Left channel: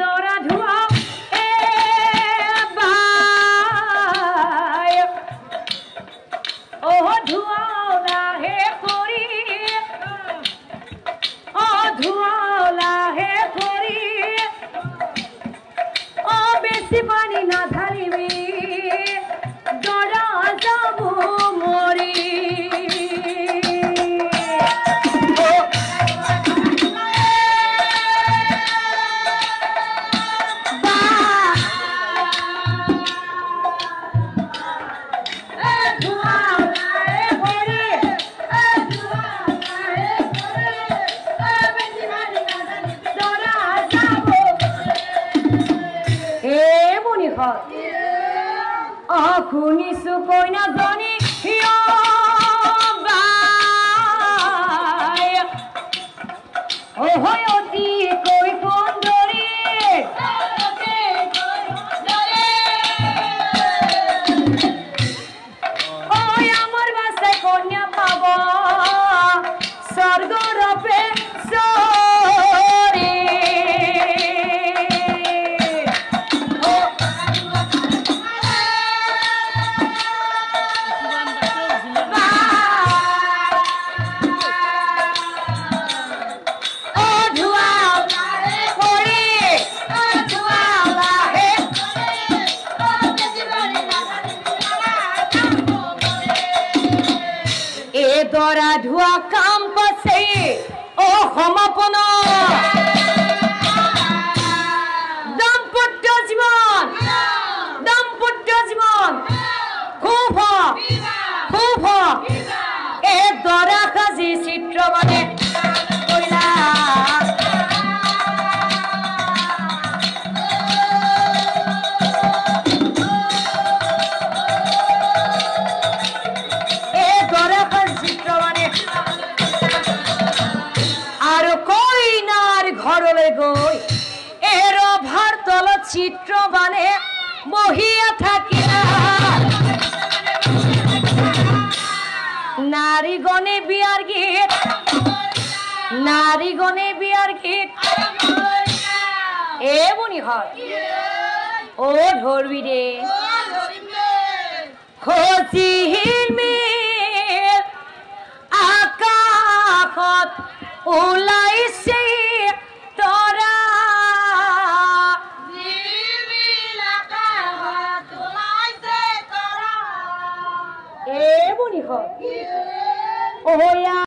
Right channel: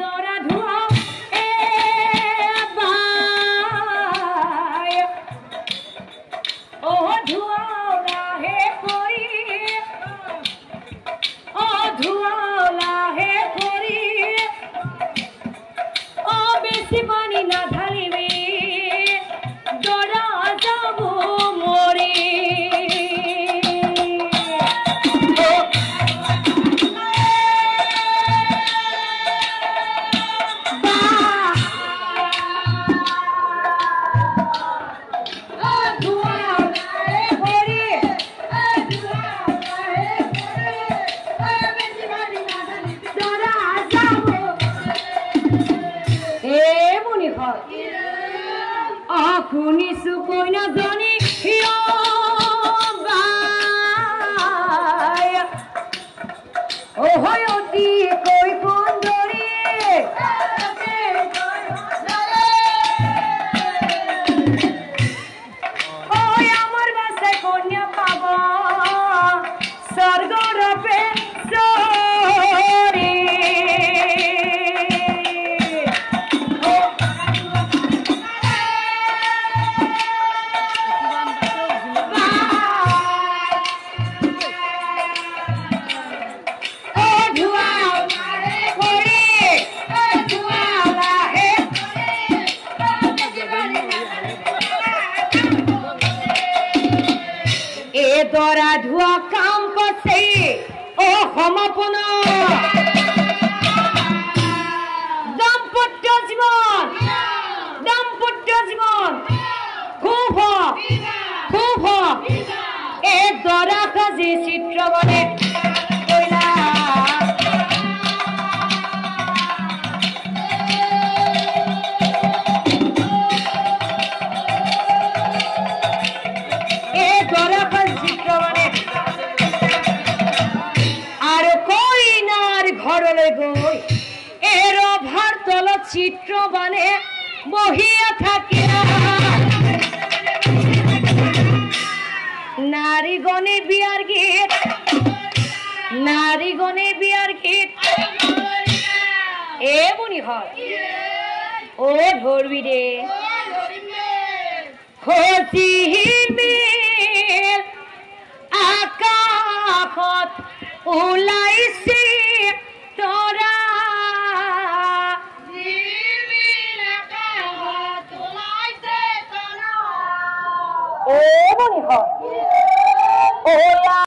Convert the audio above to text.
দরা ধুয়া এ ভাই ও ধুয়া লাহে করি ও ধুয়া লাহে করি ও বেশি পানি না ঢালিবি দরা যাব মরি শুনিছো কইনা জানি অতি কৈ সুন্দৰী আমাৰ বাসায় কন্যা পাব স্বৰ্গৰূপে সৰি দৰা ধোৱা কাম পাছে ও সমাপন দাম্পত্য জীবন খুব এ দরা কাজী চিত্র মানে গই এর ভারতল চিত্র বানে বহিয়া থাকি নারীগণে বিয়ার গীত এ বুনি হয় ও ধরবি রে খোঁজির আকাশত ওলাইছে তোরা ও বনি হয়